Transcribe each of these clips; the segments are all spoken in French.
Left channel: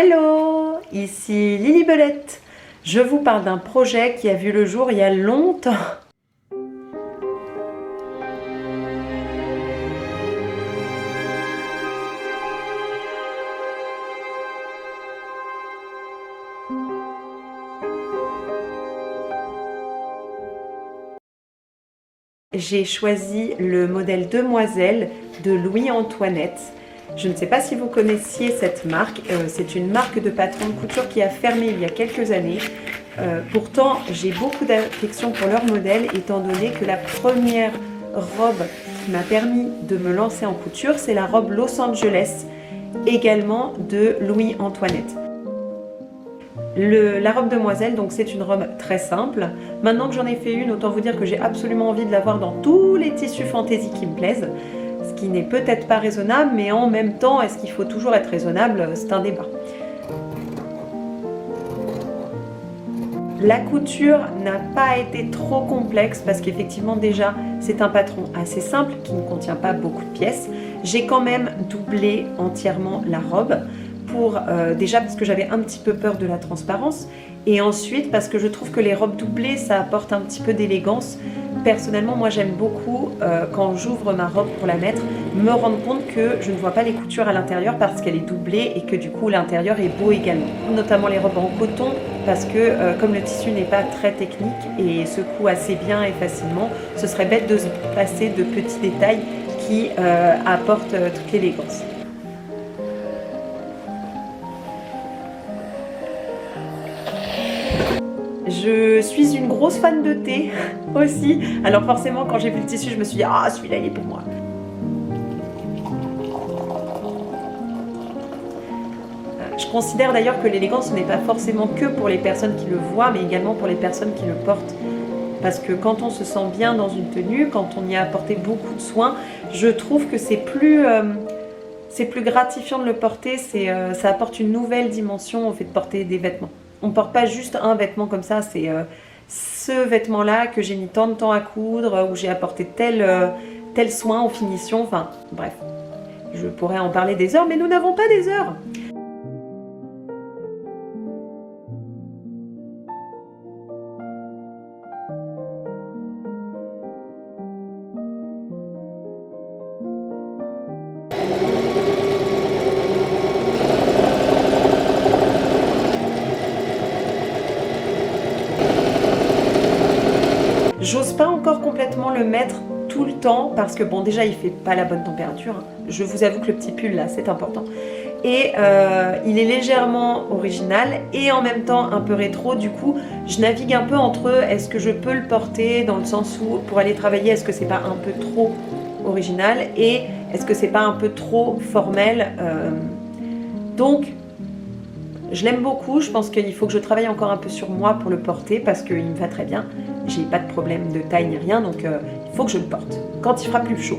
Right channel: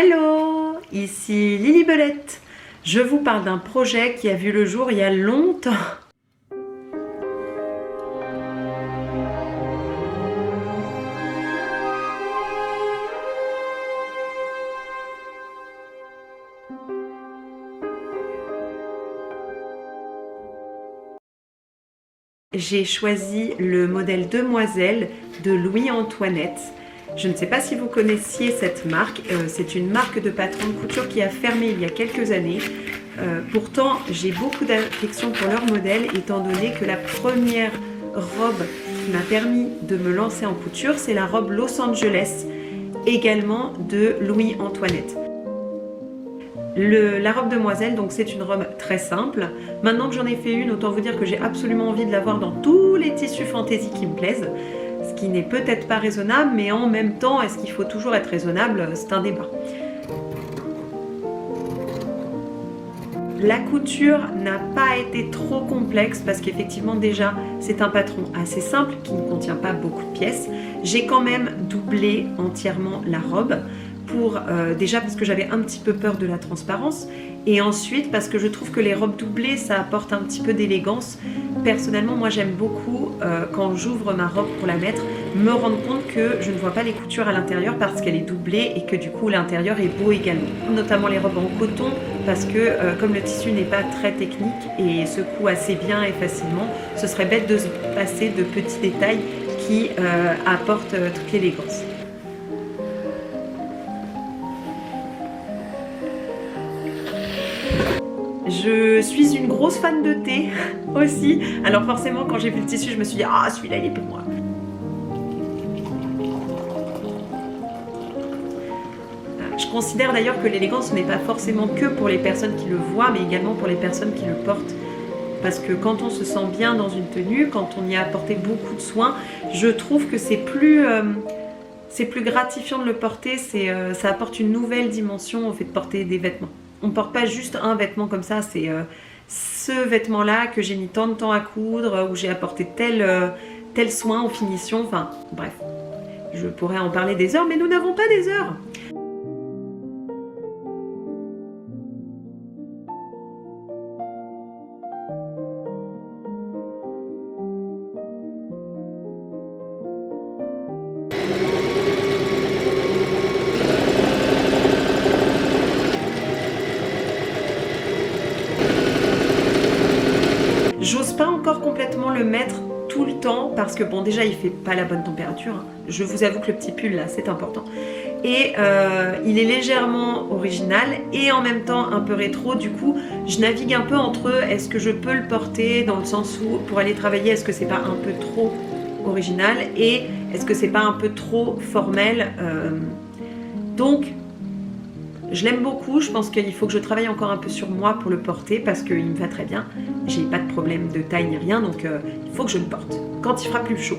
Hello, ici Lily Belette. Je vous parle d'un projet qui a vu le jour il y a longtemps. J'ai choisi le modèle Demoiselle de Louis-Antoinette. Je ne sais pas si vous connaissiez cette marque. C'est une marque de patron de couture qui a fermé il y a quelques années. Pourtant, j'ai beaucoup d'affection pour leur modèle, étant donné que la première robe qui m'a permis de me lancer en couture, c'est la robe Los Angeles, également de Louis-Antoinette. La robe demoiselle, donc c'est une robe très simple. Maintenant que j'en ai fait une, autant vous dire que j'ai absolument envie de l'avoir dans tous les tissus fantaisie qui me plaisent. Ce qui n'est peut-être pas raisonnable, mais en même temps, est-ce qu'il faut toujours être raisonnable? C'est un débat. La couture n'a pas été trop complexe parce qu'effectivement déjà c'est un patron assez simple qui ne contient pas beaucoup de pièces. J'ai quand même doublé entièrement la robe déjà parce que j'avais un petit peu peur de la transparence et ensuite parce que je trouve que les robes doublées ça apporte un petit peu d'élégance. Personnellement moi j'aime beaucoup quand j'ouvre ma robe pour la mettre me rendre compte que je ne vois pas les coutures à l'intérieur parce qu'elle est doublée et que du coup l'intérieur est beau également. Notamment les robes en coton parce que comme le tissu n'est pas très technique et se coud assez bien et facilement, ce serait bête de se passer de petits détails qui apportent toute l'élégance. Je suis une grosse fan de thé aussi. Alors forcément, quand j'ai vu le tissu, je me suis dit « Ah, celui-là, il est pour moi !» Je considère d'ailleurs que l'élégance, ce n'est pas forcément que pour les personnes qui le voient, mais également pour les personnes qui le portent. Parce que quand on se sent bien dans une tenue, quand on y a apporté beaucoup de soins, je trouve que c'est plus gratifiant de le porter, ça apporte une nouvelle dimension en fait de porter des vêtements. On ne porte pas juste un vêtement comme ça, c'est ce vêtement-là que j'ai mis tant de temps à coudre, où j'ai apporté tel soin aux finitions, enfin bref. Je pourrais en parler des heures, mais nous n'avons pas des heures. J'ose pas encore complètement le mettre tout le temps parce que bon déjà il fait pas la bonne température. Je vous avoue que le petit pull là c'est important. Et il est légèrement original et en même temps un peu rétro. Du coup je navigue un peu entre est-ce que je peux le porter dans le sens où pour aller travailler est-ce que c'est pas un peu trop original et est-ce que c'est pas un peu trop formel. Donc je l'aime beaucoup, je pense qu'il faut que je travaille encore un peu sur moi pour le porter parce qu'il me va très bien. J'ai pas de problème de taille ni rien, donc il faut que je le porte quand il fera plus chaud.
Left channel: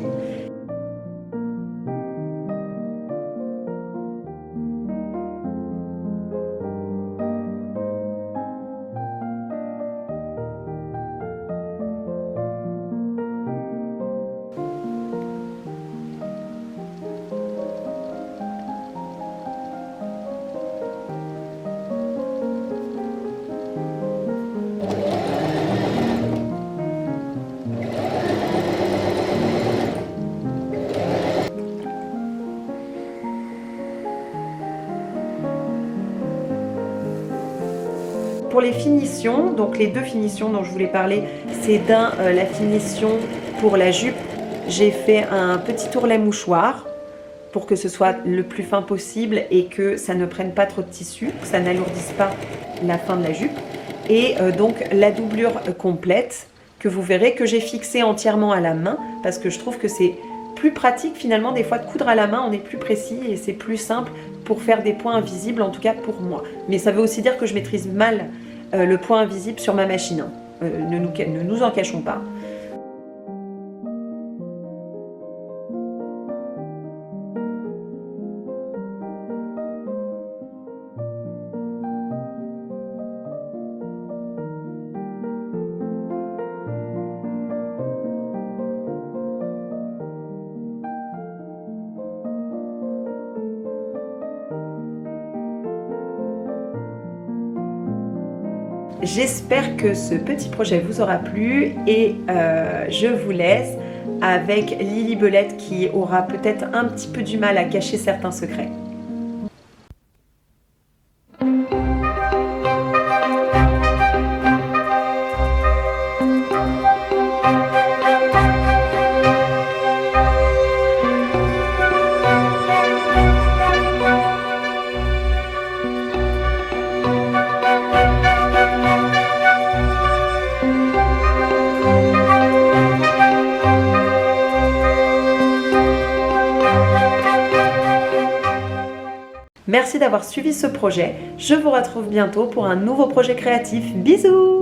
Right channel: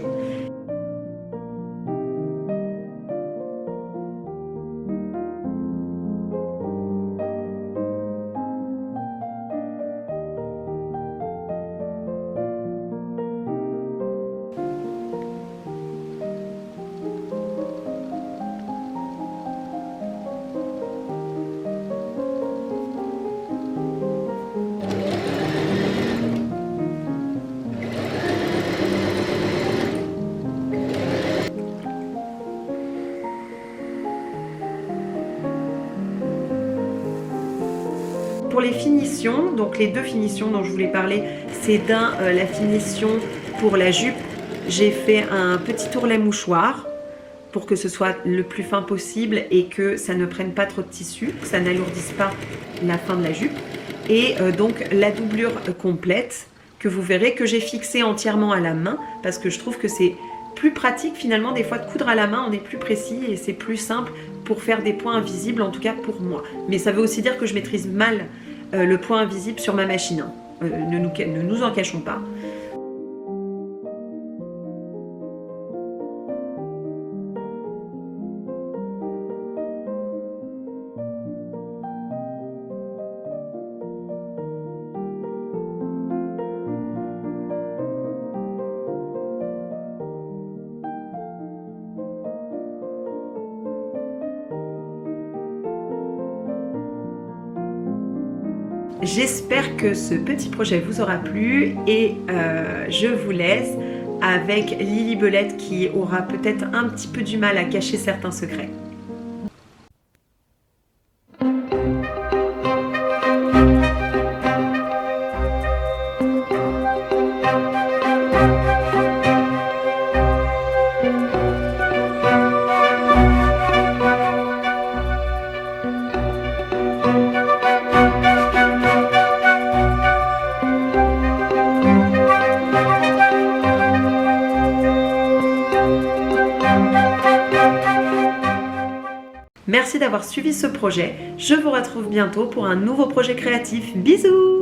Pour les finitions, donc les deux finitions dont je voulais parler, c'est la finition pour la jupe. J'ai fait un petit tournet mouchoir pour que ce soit le plus fin possible et que ça ne prenne pas trop de tissu, que ça n'alourdisse pas la fin de la jupe. Et donc la doublure complète que vous verrez que j'ai fixée entièrement à la main parce que je trouve que c'est plus pratique finalement des fois de coudre à la main, on est plus précis et c'est plus simple pour faire des points invisibles, en tout cas pour moi. Mais ça veut aussi dire que je maîtrise mal le point invisible sur ma machine. Ne nous en cachons pas. J'espère que ce petit projet vous aura plu et je vous laisse avec Lily Belette qui aura peut-être un petit peu du mal à cacher certains secrets. Merci d'avoir suivi ce projet. Je vous retrouve bientôt pour un nouveau projet créatif. Bisous!